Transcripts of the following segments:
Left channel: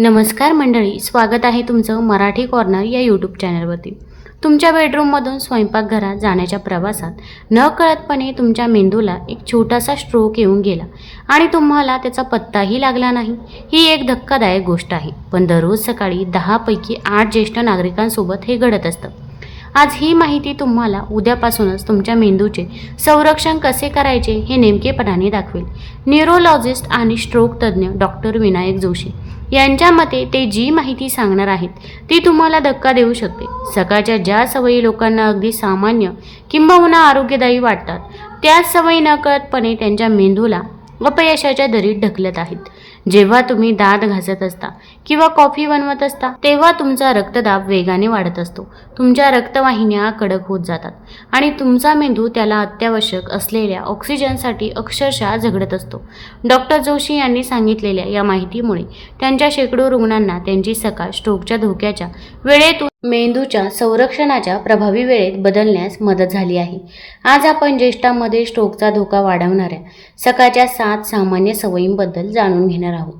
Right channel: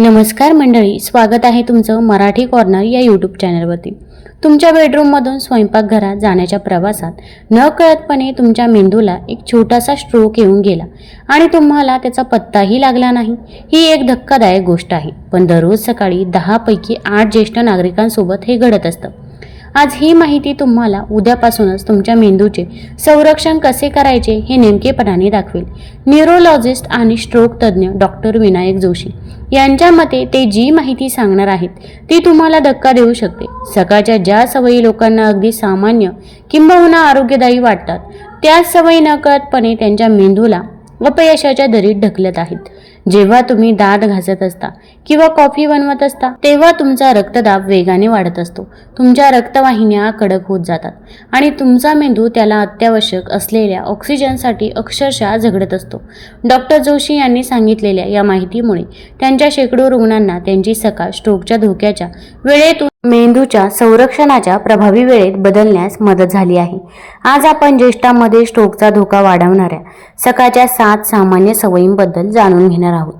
नमस्कार मंडळी स्वागत आहे तुमचं मराठी कॉर्नर या यूट्यूब चॅनलवरती तुमच्या बेडरूममधून स्वयंपाकघरात जाण्याच्या प्रवासात नकळतपणे तुमच्या मेंदूला एक छोटासा स्ट्रोक येऊन गेला आणि तुम्हाला त्याचा पत्ताही लागला नाही. ही एक धक्कादायक गोष्ट आहे पण दररोज सकाळी दहापैकी आठ ज्येष्ठ नागरिकांसोबत हे घडत असतं. आज ही माहिती तुम्हाला उद्यापासूनच तुमच्या मेंदूचे संरक्षण कसे करायचे हे नेमकेपणाने दाखवेल. न्यूरोलॉजिस्ट आणि स्ट्रोक तज्ज्ञ डॉक्टर विनायक जोशी यांच्या मते ते जी माहिती सांगणार आहेत ती तुम्हाला धक्का देऊ शकते. सकाळच्या ज्या सवयी लोकांना अगदी सामान्य किंबहुना आरोग्यदायी वाटतात त्याच सवयी नकळतपणे त्यांच्या मेंदूला अपयशाच्या दरीत ढकलत आहेत. जेव्हा तुम्ही दात घासत असता किंवा कॉफी बनवत असता तेव्हा तुमचा रक्तदाब वेगाने वाढत असतो. तुमच्या रक्तवाहिन्या कडक होत जातात आणि तुमचा मेंदू त्याला अत्यावश्यक असलेल्या ऑक्सिजनसाठी अक्षरशः झगडत असतो. डॉक्टर जोशी यांनी सांगितलेल्या या माहितीमुळे त्यांच्या शेकडो रुग्णांना त्यांची सकाळ स्ट्रोकच्या धोक्याच्या वेळेतून मेंदूच्या संरक्षणाच्या प्रभावी वेळेत बदलण्यास मदत झाली आहे. आज आपण ज्येष्ठांमध्ये स्ट्रोकचा धोका वाढवणाऱ्या सकाळच्या सात सामान्य सवयींबद्दल जाणून घेणार आहोत.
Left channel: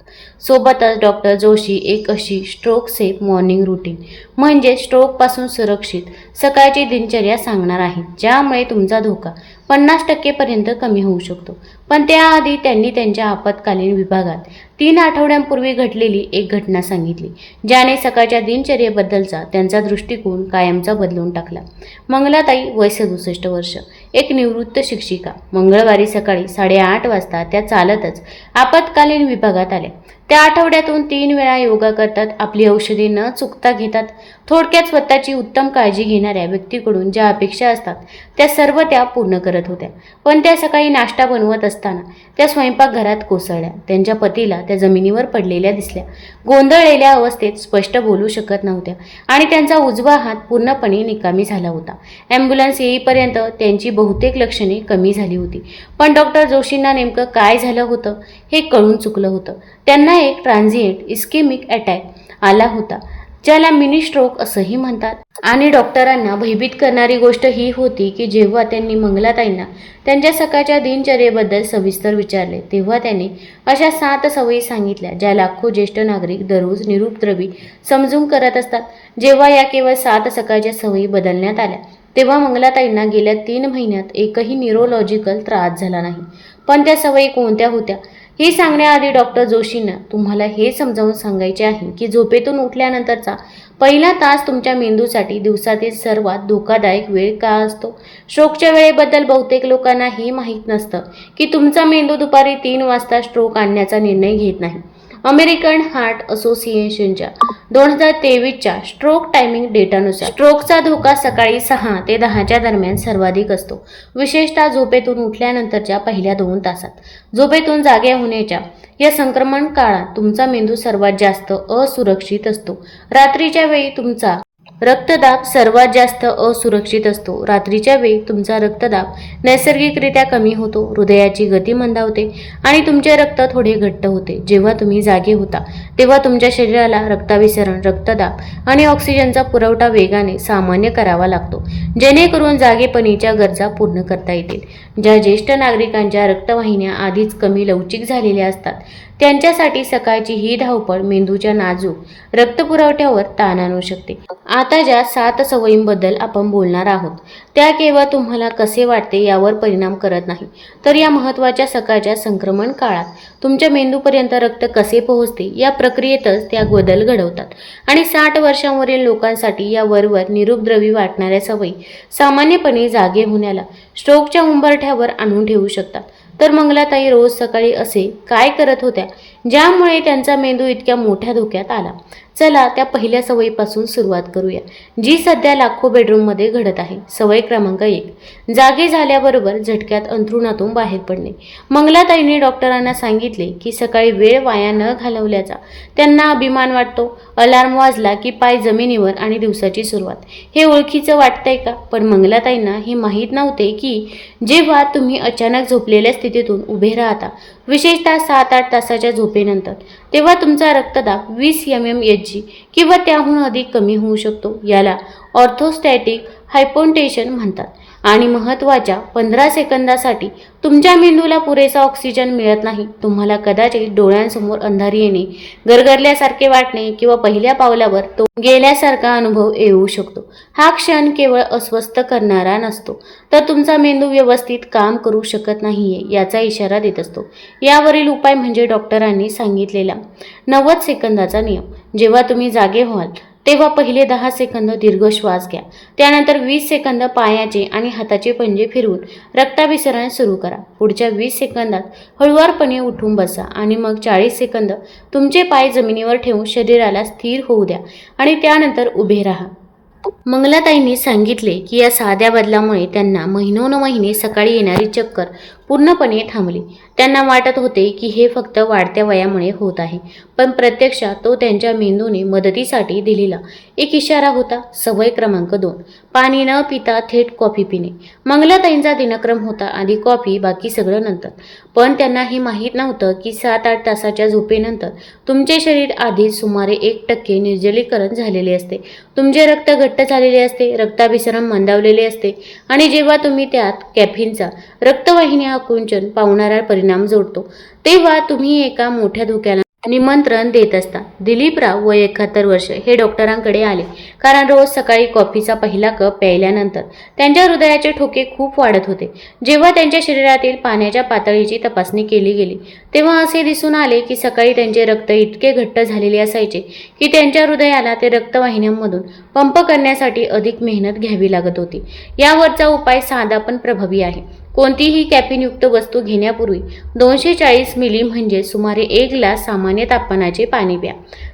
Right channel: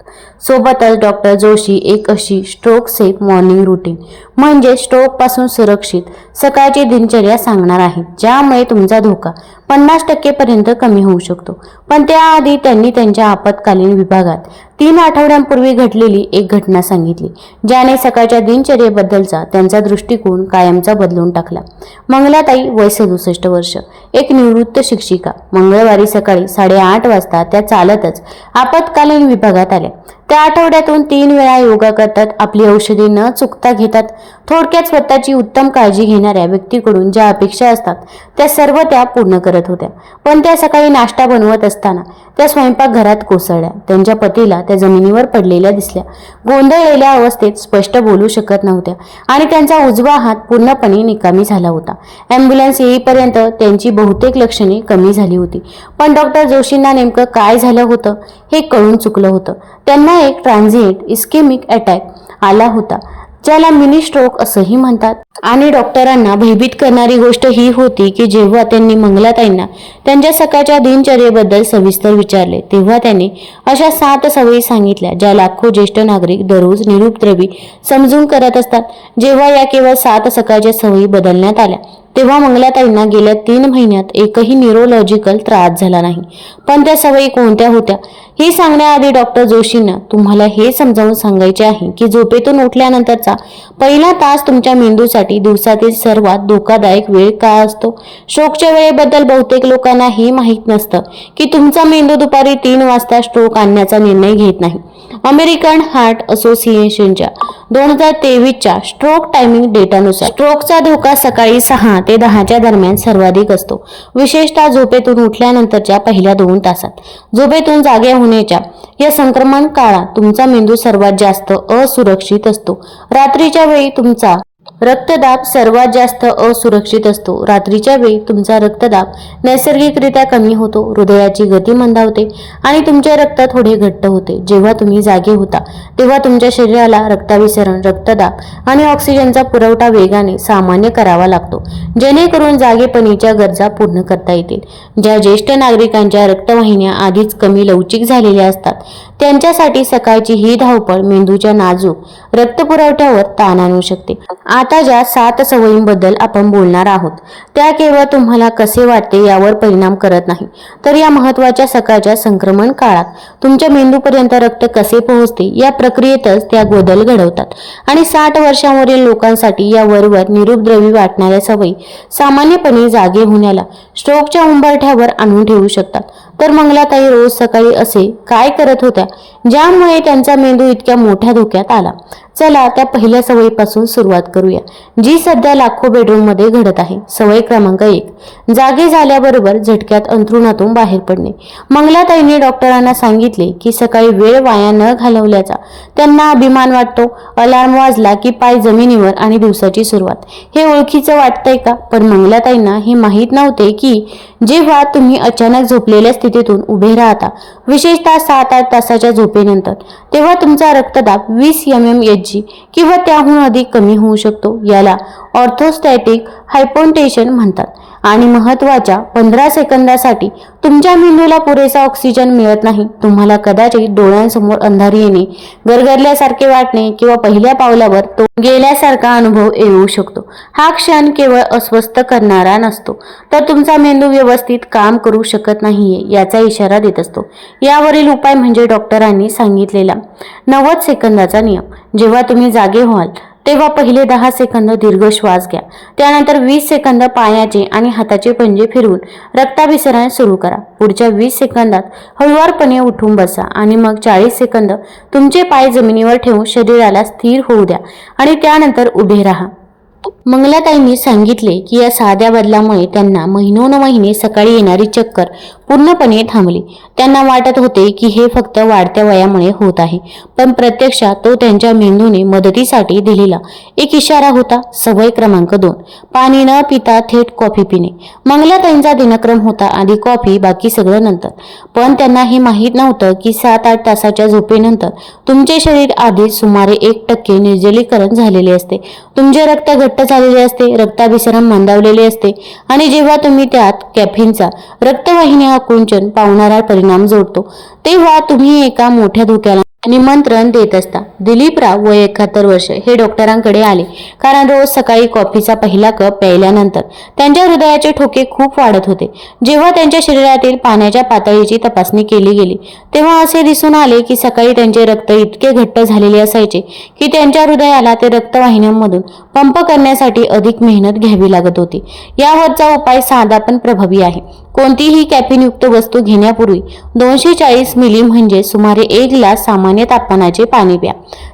सोबतच डॉक्टर जोशी एक अशी स्ट्रोक सेफ मॉर्निंग रुटीन म्हणजे स्ट्रोकपासून सुरक्षित सकाळची दिनचर्या सांगणार आहेत ज्यामुळे तुमचा धोका पन्नास टक्केपर्यंत कमी होऊ शकतो. पण त्याआधी त्यांनी त्यांच्या आपत्कालीन विभागात तीन आठवड्यांपूर्वी घडलेली एक घटना सांगितली ज्याने सकाळच्या दिनचर्येबद्दलचा त्यांचा दृष्टिकोन कायमचा बदलून टाकला. मंगलाताई वय सदुसष्ट वर्ष एक निवृत्त शिक्षिका. मंगळवारी सकाळी साडेआठ वाजता त्या चालतच आपत्कालीन विभागात आल्या. त्या आठवड्यातून तीन वेळा योगा करतात आपली औषधी न चुकता घेतात. थोडक्यात स्वतःची उत्तम काळजी घेणाऱ्या व्यक्तीकडून ज्या अपेक्षा असतात त्या सर्व त्या पूर्ण करत होत्या. पण त्या सकाळी नाश्ता बनवत असताना त्या स्वयंपाकघरात कोसळल्या. त्यांच्या पतीला त्या जमिनीवर पडलेल्या दिसल्या. गोंधळलेल्या अवस्थेत स्पष्ट बोलू शकत नव्हत्या आणि त्यांचा उजवा हात पूर्णपणे निकामी झाला होता. ॲम्ब्युलन्स येईपर्यंत त्यांची बहुतेक लक्षणे कमी झाली होती. पण डॉक्टर जोशींना नेमकं काय झालं होतं हे कळून चुकलं होतं. त्यांना एक ट्रान्झिएंट इस्केमिक अटॅक आला होता ज्याला मिनी स्ट्रोक असंही म्हणतात. आणि डॉक्टरांना भयभीत करणारी गोष्ट ही होती की जेव्हा त्यांनी मंगलाताईंना त्यांच्या सकाळच्या दिनचर्येबद्दल सविस्तर विचारले तेव्हा त्यांनी अशा सात सवयी सांगितल्या ज्या लाखो ज्येष्ठ नागरिक दररोज निरुपद्रवी समजून करत असतात. जेव्हा या केवळ सात सकाळच्या सवयी बदलण्यात आल्या तेव्हा मंगलाताईंना गेल्या तीन महिन्यात एकही न्यूरोलॉजिकल त्रास झाला नाही. पण त्या सवयी कोणत्या होत्या? हे सांगण्याआधी डॉक्टर जोशींना तुम्हाला हे समजावून सांगायचे आहे की झोपेतून उठल्यानंतरचा पहिला तास तुमच्या मेंदूसाठी दिवसातील सर्वात धोकादायक वेळ का असतो? स्ट्रोकच्या वेळेबद्दल बहुतेक लोकांना हे माहीत नसतं की तुमचा मेंदू दुपारी तीन वाजता स्ट्रोक आणण्याचा निर्णय घेत नाही. अमेरिकन हार्ट असोसिएशनच्या दोन हजार तेवीसच्या स्ट्रोक टायमिंग डेटानुसार. स्ट्रोकचा धोका सकाळी सहा ते दहाच्या दरम्यान सर्वाधिक असतो. विशेषतः झोपेतून उठल्यानंतरच्या पहिल्या दोन तासात. झोपेतून जागे होण्याच्या या संक्रमण काळात तुमचा मेंदू सर्वात जास्त असुरक्षित असतो. रात्रीच्या वेळी तुमचा रक्तदाब सर्वात जास्त असुरक्षित असतो. रात्रीच्या वेळी तुमचा रक्तदाब नैसर्गिकरित्या कमी होतो. हृदयाची गती मंदावते आणि तुमचे रक्त थोडे घट्ट होते. जेव्हा तुम्ही जागे होता तेव्हा तुमच्या शरीराला रक्ताभिसरण रक्तदाब आणि ऑक्सिजनचा पुरवठा वेगाने सामान्य करावा लागतो. जेणेकरून जागेपणीच्या गरजा पूर्ण करता येतील. ज्या ज्येष्ठ नागरिकांच्या रक्तवाहिन्या आधीच कमी लवचिक झालेल्या असतात त्यांच्यासाठी सकाळची ही धावपळ मेंदूच्या नाजूक रक्तपुरवठ्यावर ताण आणू शकते. आता आता ज्या सात सवयींबद्दल आपण बोलणार आहोत त्या केवळ तुम्हाला कसे वाटते यावर परिणाम करत नाही. तर या महत्त्वाच्या सकाळच्या संक्रमण काळात तुमच्या मेंदूपर्यंत रक्त कसे पोहोचते या प्रक्रियेतच त्या बदल घडवतात. आणि साठ वर्षांवरील लोकांसाठी या वरवर निरुपद्रवी वाटणाऱ्या सवयी सामान्यपणे जागे होण्याला स्ट्रोकच्या उंबरठ्यावर आणून ठेवू शकतात. तर मंगलाताई रोज सकाळी असे काय करत होत्या? ज्यामुळे त्यांचा मेंदू इतक्या मोठ्या धोक्यात आला. चला त्या पहिल्या सवयीपासून सुरुवात करूया जी सध्या लाखो बेडरूममध्ये घडत आहे. सवय क्रमांक एक. जागे झाल्याबरोबर झटक्यात अंथरुणातून बाहेर पडणे. मंगलाताईने डॉक्टरांना सांगितले की सकाळी वेळ वाया न घालवल्याचा त्यांना अभिमान वाटतो. अलार्म वाजला की पाय जमिनीवर आणि दिवसाची सुरुवात. हे ओळखीचं वाटतंय का? पण मंगलाताईंना हे माहीत नव्हते की जेव्हा तुम्ही अचानक झोपलेल्या स्थितीतून उभे राहता विशेषतः सात आठ तासाच्या झोपेनंतर. तेव्हा तुमचा रक्तदाब वीस एम एम एच जी किंवा त्याहून अधिक कमी होऊ शकतो याला ऑर्थोस्टॅटिक हायपोन्टेशन म्हणतात. आणि महत्त्वाच्या पंधरा सेकंदासाठी तुमच्या मेंदूला पुरेसा ऑक्सिजन मिळत नाही. तुम्हाला कदाचित डोळ्यांसमोर अंधारी येणे गरगरल्यासारखे वाटणे किंवा पहिल्या पावलावर तो गेल्यासारखा अनुभव येऊ शकतो. हा क्षण केवळ अस्वस्थ करणारा नसतो. तर तुमचा मेंदू व्यवस्थित काम करू शकत नाहीये याचा इशारा देत असतो. यावरील उपाय म्हणजे डॉक्टरांनी सांगितलेला नव्वद सेकंदाचा नियम. जेव्हा तुम्ही जागे व्हाल तेव्हा पहिले दहा सेकंद दीर्घ श्वास घ्या. त्यानंतर वीस सेकंद पायाचे आणि हाताचे पंजे फिरवून रक्ताभिसरण सुरू करा. पुढच्या वीस सेकंदात हळुवारपणे उठून बसा आणि मग चाळीस सेकंद तुमचे पाय जमिनीवर ठेवून शरीराला स्थिर होऊ द्या आणि त्यानंतर उभे राहा. मंगलाताईंनी सांगितले की या साध्या बदलामुळे त्यांना महिनोन महिने सकाळी येणारी चक्कर पूर्णपणे थांबली. त्यांना वाटत होते की हे फक्त वाढत्या वयामुळे होत आहे. पण प्रत्यक्षात तो त्यांच्या मेंदूने मदतीसाठी दिलेला एक इशारा होता सवय क्रमांक दोन. पाणी न पिता थेट कॉफी पिणे. मंगलाताईंचा दिनक्रम होता आधी कॉफी बाकी सगळं नंतर. पण त्यांना हे माहीत नव्हतं की सात आठ तासाच्या झोपेनंतर तुमचे शरीर आधीच सुमारे एक टक्के निर्जलीकरण झालेले असते. तुमचे रक्त घट्ट झालेले असते रक्ताभिसरण मंदावलेले असते. आणि जेव्हा तुम्ही त्यात कॅफिनचा रक्तवाहिन्या आकुंचन पावणारा परिणाम जोडतो. तेव्हा तुम्ही एका मोठ्या धोक्याला निमंत्रण देत असता. दिलीपराव वय एकाहत्तर वर्ष हे डॉक्टरांकडे आले. कारण रोज सकाळी कॉफीचा पहिला कप प्यायल्यानंतर त्यांच्या हृदयाचे ठोके खूप वाढत होते. जेव्हा त्यांच्या शरीरातील पाण्याच्या पातळीची तपासणी केली गेली तेव्हा असे दिसून आले की सकाळी त्यांचे रक्त इतके घट्ट झालेले असायचे की त्यांच्या हृदयाला ते रक्तवाहिन्यांमधून पंप करण्यासाठी अधिक मेहनत घ्यावी लागत होती. यावरचा उपाय साधा पण प्रभावी आहे. कोणतीही कॅफिनयुक्त वस्तू घेण्यापूर्वी दोनशे चाळीस मिली म्हणजे सुमारे एक ग्लास सामान्य तापमानाचे पाणी प्या.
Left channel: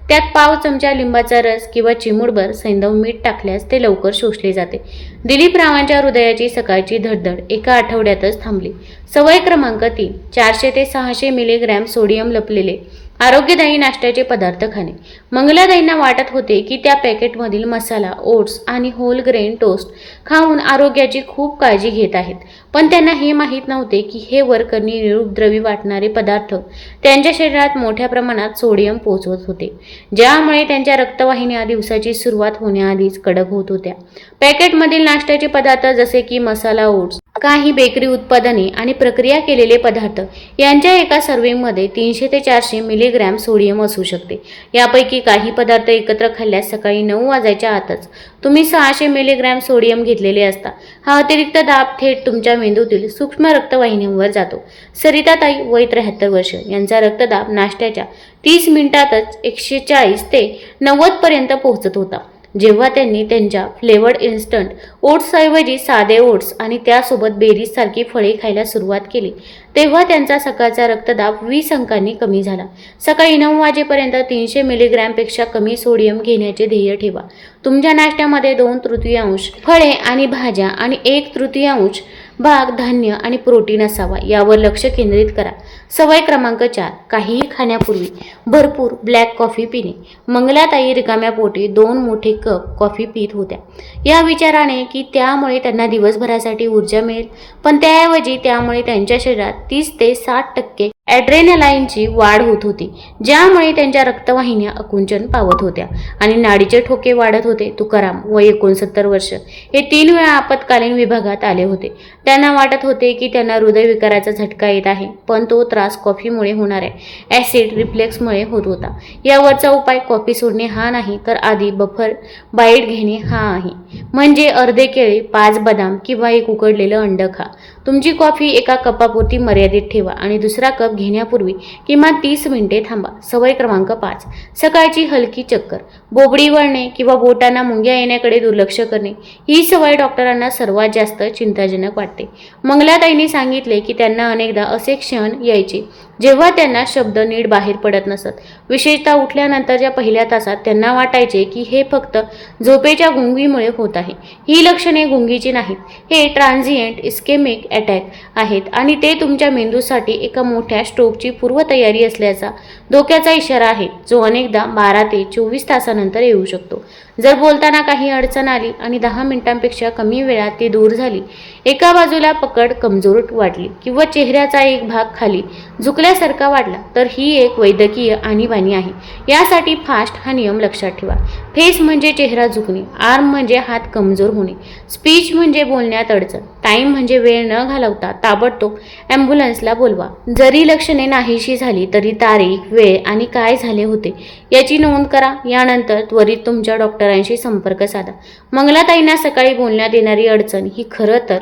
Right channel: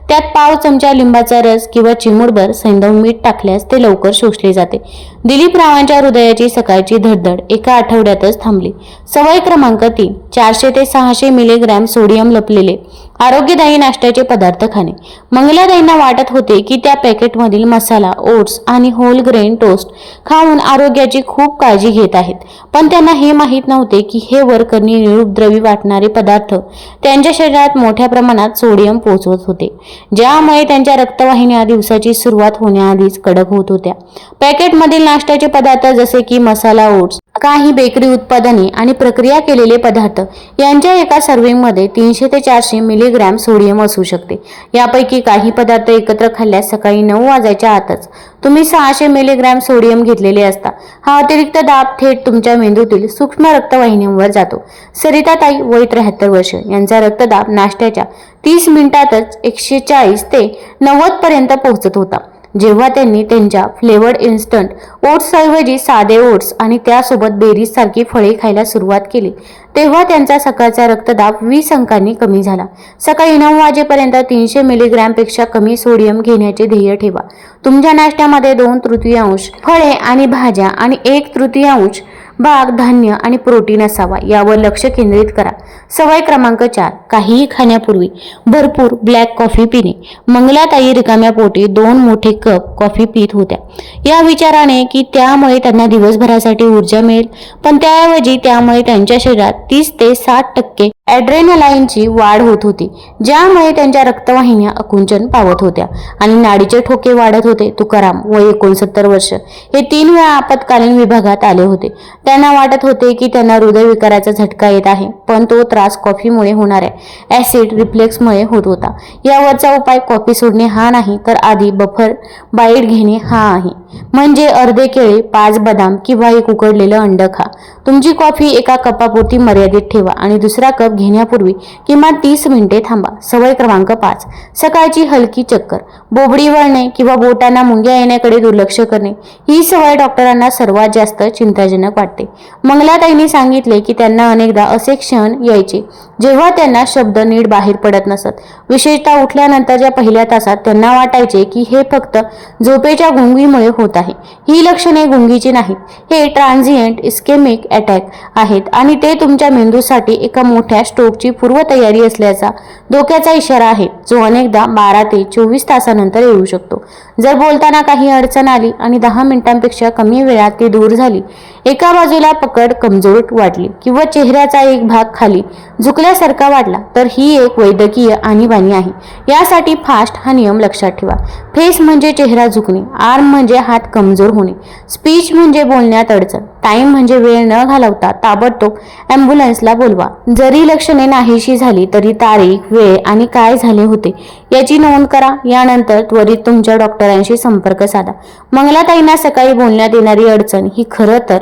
त्यात पाव चमचा लिंबाचा रस किंवा चिमूडभर सैंदव मीठ टाकल्यास ते लवकर शोषले जाते. दिलीप रावांच्या हृदयाची सकाळची धडधड एका आठवड्यातच थांबली. सवय क्रमांक तीन चारशे ते सहाशे मिलीग्रॅम सोडियम लपलेले आरोग्यदायी नाश्त्याचे पदार्थ खाणे. मंगलादाईंना वाटत होते की त्या पॅकेटमधील मसाला ओट्स आणि होल ग्रेन टोस्ट खाऊन आरोग्याची खूप काळजी घेत आहेत. पण त्यांना हे माहीत नव्हते की हे वर्करनी निरुपद्रवी वाटणारे पदार्थ त्यांच्या शरीरात मोठ्या प्रमाणात सोडियम पोचवत होते ज्यामुळे त्यांच्या रक्तवाहिन्या दिवसाची सुरुवात होण्याआधीच कडक होत होत्या. पॅकेटमधील नाश्त्याचे पदार्थ जसे की मसाला ओट्स काही बेकरी उत्पादने आणि प्रक्रिया केलेले पदार्थ यांच्या एका सर्व्हिंगमध्ये तीनशे ते चारशे मिली मिलीग्रॅम सोडियम असू शकते. यापैकी काही पदार्थ एकत्र खाल्ल्यास सकाळी नऊ वाजायच्या आतच. तुम्ही सहाशे मिलीग्रॅम सोडियम घेतलेले असता. हा अतिरिक्त दाब थेट तुमच्या मेंदूतील सूक्ष्म रक्तवाहिन्यांवर जातो. सरिताताई वय त्र्याहत्तर वर्ष. यांचा रक्तदाब नाश्त्याच्या तीस मिनिटातच एकशे चाळीस ते नव्वद पर्यंत पोहोचत होता. जेव्हा त्यांनी त्यांच्या फ्लेवर्ड इन्स्टंट ओट्सऐवजी साधे ओट्स आणि त्यासोबत बेरीजसारखी फळे खायला सुरुवात केली तेव्हा त्यांचा सकाळचा रक्तदाब वीस अंकांनी कमी झाला. सकाळी नऊ वाजेपर्यंत तीनशे मिलीग्रॅमपेक्षा कमी सोडियम घेण्याचे ध्येय ठेवा. तुमच्या नाश्त्यामध्ये दोन तृतीयांश फळे आणि भाज्या आणि एक तृतीयांश भाग धान्य आणि प्रोटीन असावा यावर लक्ष केंद्रित करा. सवय क्रमांक चार. काहीही खाण्यापूर्वी भरपूर ब्लॅक कॉफी पिणे. मंगलाताई रिकाम्या पोटी दोन मोठे कप कॉफी पित होत्या. या विचाराने की त्यामुळे त्यांना दिवसभरासाठी ऊर्जा मिळेल. पण त्याऐवजी त्यामुळे त्यांच्या शरीरात तीस ते साठ टक्के ॲड्रेनलाईनची वाढ होत होती ज्यामुळे त्यांच्या रक्तवाहिन्या अकुंचन पावत होत्या आणि नाडीचे ठोके वाढत होते. तुकाराम वय एकोणसत्तर वर्ष हे तीन वेळा आपत्कालीन विभागात आले होते. त्यांना वाटत होते की त्यांना हृदयविकाराचा झटका येत आहे पण तो त्रास कॉफीमुळे होणाऱ्या ॲसिड रिफ्लेक्समुळे होत होता. यावरचा उपाय कॉफी सोडणे हा नाही तर आधी बफर बाईट घेणे हा आहे. म्हणजे अर्धे केळी पाच बदाम किंवा एक उकडलेलं अंड खा. तुमची कॉफी एका कपापुरती मर्यादित ठेवा आणि दुसरा कप घेण्यापूर्वी किमान तीस मिनिटे थांबा. सवय क्रमांक पाच. सकाळची हलकी चक्कर. बोबडी वळणे किंवा बोटांना मुंग्या येण्याकडे दुर्लक्ष करणे ही सवय डॉक्टरांना सर्वात जास्त चिंताजनक वाटते. मंगलाताईंनी सांगितले की त्यांना अनेकदा असे क्षण यायचे जेव्हा त्यांना शब्द नीट बाहेर पडत नसत. विशेषतः उठल्यानंतरच्या पहिल्या तासात त्यांना वाटायचे की हे फक्त झोपेच्या गुंगीमुळे होत आहे. ही लक्षणे गुंगीची नाहीत. हे ट्रान्झिएंट इस्केमिक अटॅक आहेत आणि ते तुमच्या मेंदूसाठी एका मोठ्या स्ट्रोकची पूर्वतयारी असल्याचा धोक्याचा इशारा आहे जो अनेकदा बारा ते चोवीस तासानंतर येऊ शकतो. जर बोलताना काही अडचण आली आणि दहा मिनिटांपेक्षा कमी वेळात ती दूर झाली एका बाजूला पकड कमजोर वाटली किंवा चेहऱ्याचा एक भाग खाली झुकल्यासारखा वाटला तर ही एक वैद्यकीय आणीबाणी आहे. यासाठी फास्ट हा नियम लक्षात ठेवा. फेस म्हणजे चेहरा झुकणे आर्म म्हणजे हात कमजोर होणे स्पीच म्हणजे बोलण्यात अडचण टाइम म्हणजे वेळ न घालवता ताबडतोब ॲम्ब्युलन्सला बोलवा. जरी लक्षणे नाहीशी झाली तरी तारीख वेळ आणि काय झाले होते याची नोंद करा. यानंतर त्वरित तुमच्या डॉक्टर डॉक्टरांशी संपर्क साधा. मंगलाताईंना सकाळी बोलण्यात येणारी अडचण ही खरं तर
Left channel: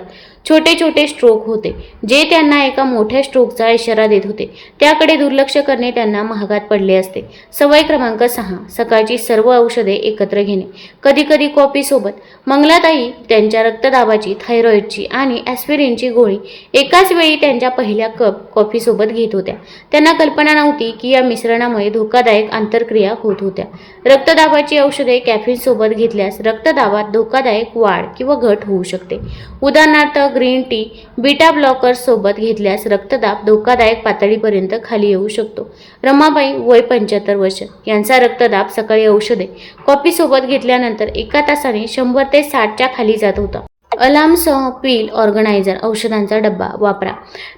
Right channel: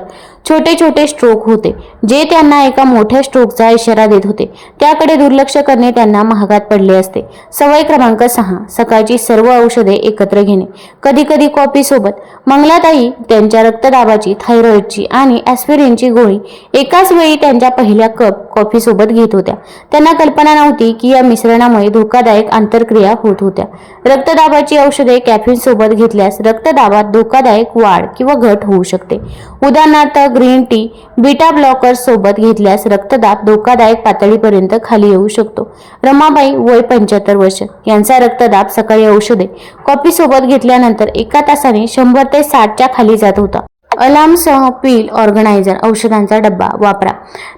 छोटे छोटे स्ट्रोक होते जे त्यांना एका मोठ्या स्ट्रोकचा इशारा देत होते. त्याकडे दुर्लक्ष करणे त्यांना महागात पडले असते. सवय क्रमांक सहा सकाळची सर्व औषधे एकत्र घेणे. कधी कधी कॉपी सोबत. मंगलाताई त्यांच्या रक्तदाबाची थायरॉइडची आणि ॲस्पिरिनची गोळी एकाच वेळी त्यांच्या पहिल्या कप कॉफी सोबत घेत होत्या. त्यांना कल्पना नव्हती की या मिश्रणामुळे धोकादायक आंतरक्रिया होत होत्या. रक्तदाबाची औषधे कॅफिन सोबत घेतल्यास रक्तदाबात धोकादायक वाढ किंवा घट होऊ शकते. उदाहरणार्थ ग्रीन टी बीटा ब्लॉकर सोबत घेतल्यास रक्तदाब धोकादायक पातळीपर्यंत खाली येऊ शकतो. रमाबाई वय पंच्याहत्तर वर्ष. यांचा रक्तदाब सकाळी औषधे कॉफी सोबत घेतल्यानंतर एका तासाने शंभर ते साठच्या खाली जात होता. अलार्मसह पील ऑर्गनायझर औषधांचा डब्बा वापरा.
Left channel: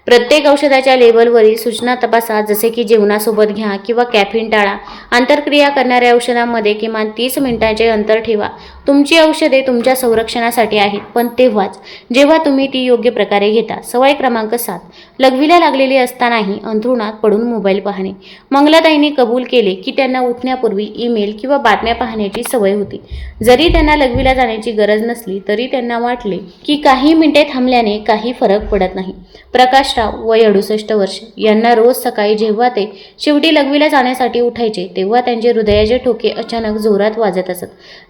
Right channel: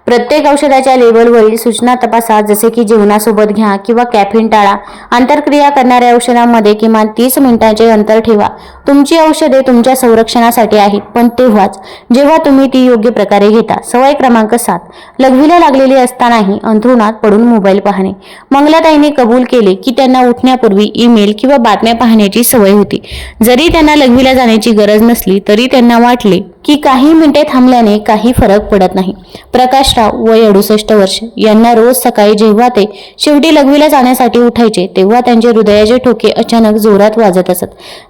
प्रत्येक औषधाच्या लेबलवरील सूचना तपासा जसे की जेवणासोबत घ्या किंवा कॅफिन टाळा. आंतरक्रिया करणाऱ्या औषधांमध्ये किमान तीस मिनिटांचे अंतर ठेवा. तुमची औषधे तुमच्या संरक्षणासाठी आहेत पण तेव्हाच जेव्हा तुम्ही ती योग्य प्रकारे घेता सवय क्रमांक सात लघवीला लागलेली असतानाही अंथरुणात पडून मोबाईल पाहणे. मंगलाताईने कबूल केले की त्यांना उठण्यापूर्वी ईमेल किंवा बातम्या पाहण्याची सवय होती. जरी त्यांना लघवीला जाण्याची गरज नसली तरी त्यांना वाटले की काही मिनिटे थांबल्याने काही फरक पडत नाही. प्रकाशराव वय अडुसष्ट वर्ष यांना रोज सकाळी जेव्हा ते शेवटी लघवीला जाण्यासाठी उठायचे तेव्हा त्यांचे हृदयाचे ठोके अचानक जोरात वाजत असत.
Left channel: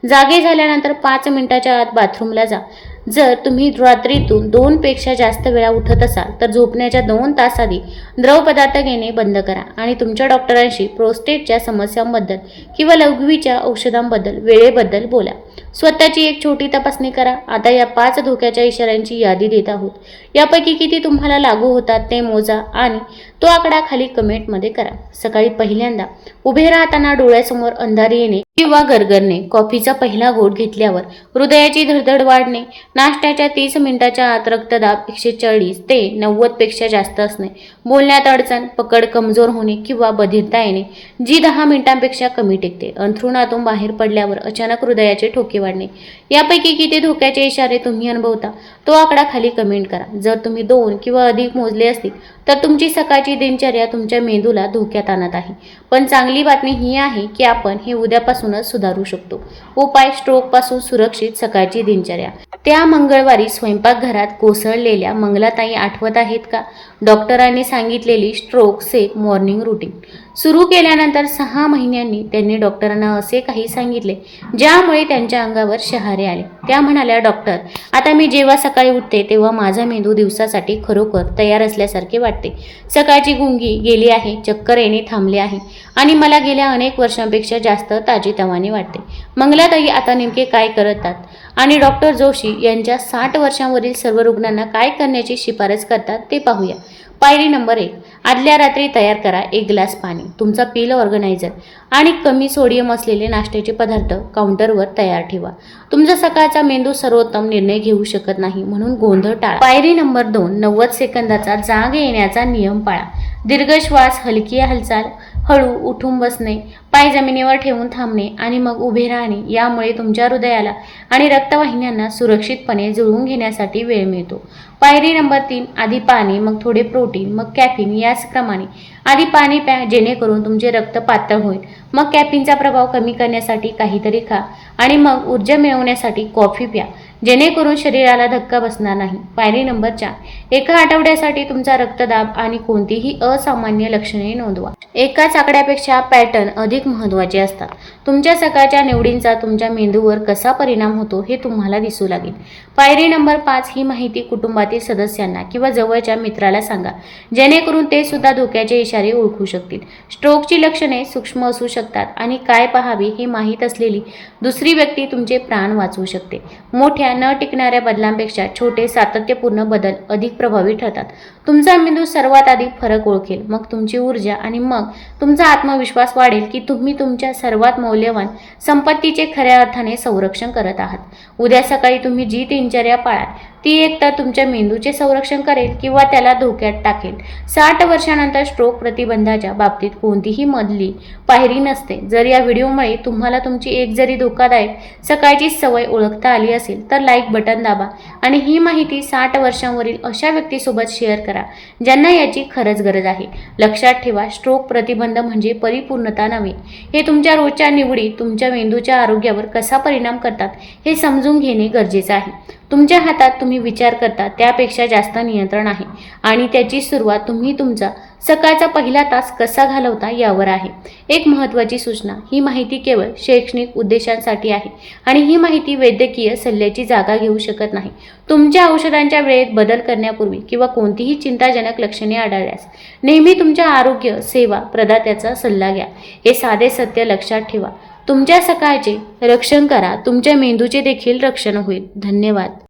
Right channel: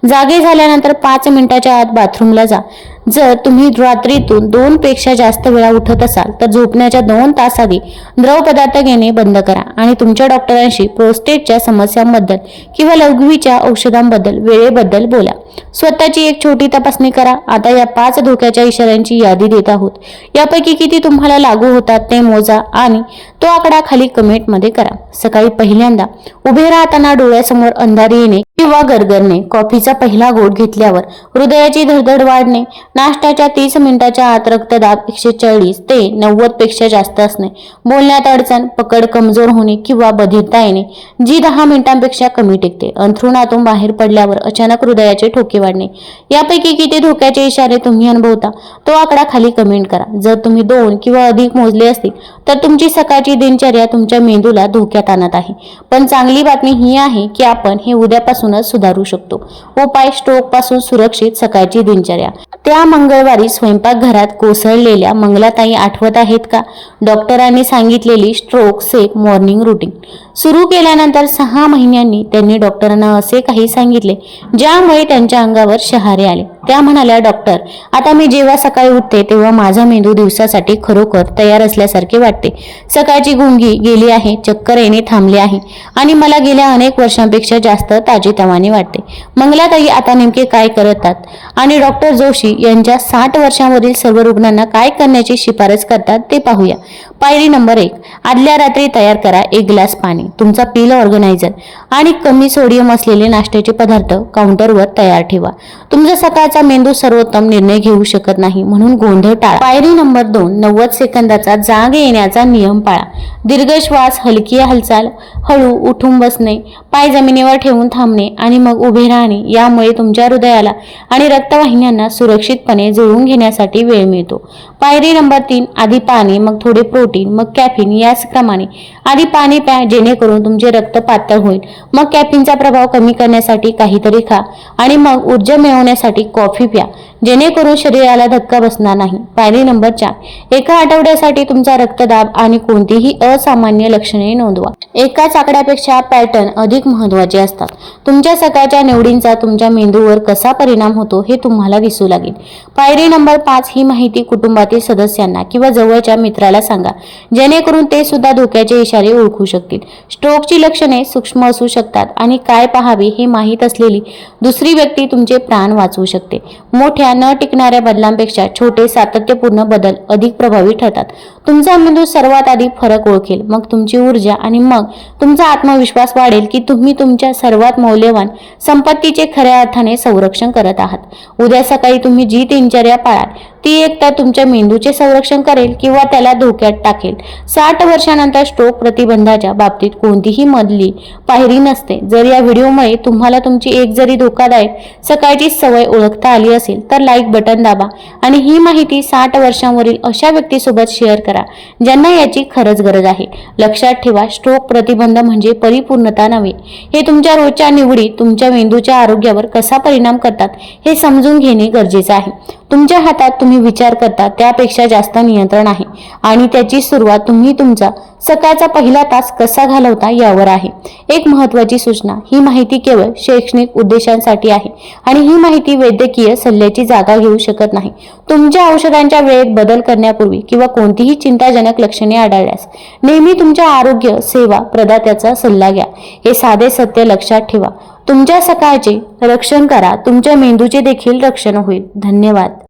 जागे झाल्या झाल्यानंतर पाच मिनिटाच्या आत बाथरूमला जा. जर तुम्ही रात्रीतून दोन पेक्षा जास्त वेळा उठत असाल तर झोपण्याच्या दोन तास आधी द्रव पदार्थ घेणे बंद करा आणि तुमच्या डॉक्टरांशी प्रोस्टेटच्या समस्यांबद्दल किंवा लघवीच्या औषधांबद्दल वेळेबद्दल बोला. स्वतःची एक छोटी तपासणी करा. आता या पाच धोक्याच्या इशाऱ्यांची यादी देत आहोत. यापैकी किती तुम्हाला लागू होतात ते मोजा आणि तो आकडा खाली कमेंटमध्ये करा. सकाळी पहिल्यांदा उभे राहताना डोळ्यासमोर अंधारी येणे किंवा गरगरणे कॉफीचा पहिला घोट घेतल्यावर हृदयाची धडधड वाढणे नाश्त्याच्या तीस मिनिटाच्या आत रक्तदाब एकशे चाळीस ते नव्वदपेक्षा जास्त असणे. बोलण्यात अडचण पकड कमजोर होणे किंवा बधिरता येणे जी दहा मिनिटांपेक्षा कमी टिकते. अंथरुणातून बाहेर पडल्यावर अचानक हृदयाचे ठोके वाढणे. यापैकी किती धोक्याचे इशारे तुम्ही अनुभवता तो आकडा खाली कमेंट करा. जर तुम्ही दोन किंवा अधिक मोजले असतील तर तुमची सकाळची दिनचर्या तुमच्या मेंदूला धोक्यात आणत आहे. पण चांगली बातमी ही आहे की आपण हे उद्यापासूनच सुधारू शकतो. उपाय स्ट्रोकपासून सुरक्षित सकाळची दिनचर्या. त्या मंगळवारी स्वयंपाकघरात कोसळलेल्या मंगलाताई आठवत आहेत का? डॉक्टरांनी सांगितलेली स्ट्रोक सेफ मॉर्निंग रुटीन सुरू केल्यानंतर सहा महिन्यांनी त्यांनी डॉक्टरांना असे काही सांगितले ज्यामुळे त्यांच्या अंगावर शहारे आले. त्या म्हणाल्या डॉक्टर आता मी जेव्हा सकाळी उठते तेव्हा माझा मेंदू दिवसासाठी खरोखर तयार असल्यासारखे वाटते. सकाळची गुंगी गेली आहे चक्कर येणे थांबले आहे आणि मला गेल्या अनेक वर्षांपेक्षा जास्त ताजेतवाने वाटते. मंगलाताई आता नेमके काय करतात आणि डॉक्टर जोशी यांच्या साठ वर्षांवरील सर्व रुग्णांना काय करण्याची शिफारस करतात ते पाहूया. पायरी नंबर एक आदल्या रात्री तयार करा एक ग्लास पाणी. तुमचा पील ऑर्गनायझर आणि कमी सोडियम असलेले नाश्त्याचे पदार्थ काउंटरवर तयार ठेवा. तुमचा सकाळचा मेंदू सर्वोत्तम निर्णय घेऊ शकत नाही म्हणून गोंधळ टाळा. पायरी नंबर दोन नव्वद सेकंदाचा जाग येण्याचा नियम पाळा. दीर्घ श्वास हलकी हालचाल हळू उठून बसणे पाय जमिनीवर ठेवून थांबणे आणि मग उभे राहणे यामुळे तुमच्या हृदयाला आणि रक्तवाहिन्यांना सुरक्षितपणे जुळवून घेण्यासाठी वेळ मिळतो. पायरी नंबर तीन आधी पाणी मग थोडे प्रोटीन मग कॅफिन याच क्रमाने आधी पाणी प्या जेणेकरून तुमचे रक्त पातळ होईल. मग कॅफिनचा प्रभाव कमी करण्यासाठी काहीतरी खा आणि मग ऊर्जा मिळवण्यासाठी कॉफी प्या. जेणेकरून शरीराला धक्का बसणार नाही. पायरी नंबर चार. एका आठवड्यासाठी तुमचा रक्तदाब आणि कोणतीही असामान्य लक्षणे नोंदवा. एकाच आकड्यापेक्षा पॅटर्न अधिक महत्त्वाचे असतात. तुमच्या सकाळच्या निवडींचा तुमच्या मेंदूवर कसा परिणाम होतो हे तुम्हाला दिसू लागेल. पायरी नंबर पाच ही माहिती कुटुंबातील सदस्यांना किंवा जवळच्या मित्राला सांगा. जेणेकरून ते सुद्धा धोक्याचे इशारे ओळखू शकतील. स्ट्रोकची लक्षणे सूक्ष्म असू शकतात आणि काय पाहावे हे माहीत असलेली दुसरी व्यक्ती तुमचे प्राण वाचवू शकते. शकते मोठ्या न टिकणाऱ्या बदलांपेक्षा छोटे सातत्यपूर्ण बदल अधिक प्रभावी ठरतात. तुमचा मेंदू सर्वात आधी फरक ओळखेल. मग तुमची ऊर्जा आणि मग तुमचा आत्मविश्वास वाढेल की तुम्ही तुमच्या सर्वात मौल्यवान संपत्तीचे खऱ्या अर्थाने संरक्षण करत आहात. उद्या सकाळी तुम्ही जी दिनचर्या पाळाल ती एक तर तुमच्या मेंदूचे संरक्षण करेल किंवा त्याला धोक्यात टाकेल. साठ वर्षानंतर स्ट्रोक प्रतिबंधाच्या बाबतीत कोणतीही मधली पायरी नसते. जर या व्हिडिओमुळे तुम्हाला तुमची एक जरी धोकादायक सकाळची सवय ओळखता आली असेल तर लाईक बटन दाबा आणि ही माहिती साठ वर्षांवरील अशा व्यक्तीसोबत शेअर करा ज्यांना याची खरंच गरज आहे. लक्षात ठेवा स्ट्रोक प्रतिबंध म्हणजे परिपूर्णता नव्हे. हे तुमच्या रोजच्या निवडी तुमच्या मेंदूच्या आरोग्यावर कसा परिणाम करतात हे समजून घेणे गरजेचं आहे. तुमच्या हातात तुम्ही तुम्ही विचार करता त्यापेक्षा जास्त नियंत्रण आहे. आणि त्याची सुरुवात तुम्ही तुमचा सकाळचा पहिला तास कसा घालवता यावर आहे. एक महत्त्वाची सूचना ही माहिती केवळ शैक्षणिक उद्देशांसाठी आहे. आणि ही माहिती वैद्यकीय सल्ल्याची जागा घेऊ शकत नाही. तुमच्या औषधांच्या वेळेत बदल करण्यापूर्वी किंवा कोणतीही चिंताजनक लक्षणे आढळल्यास नेहमी तुमच्या आरोग्य सेवा प्रदात्याचा सल्ला घ्या. हे साधे सत्य लक्षात ठेवा. तुमच्या सकाळचे रक्षण करा. तुमच्या मेंदूचे देखील रक्षण होईल. धन्यवाद.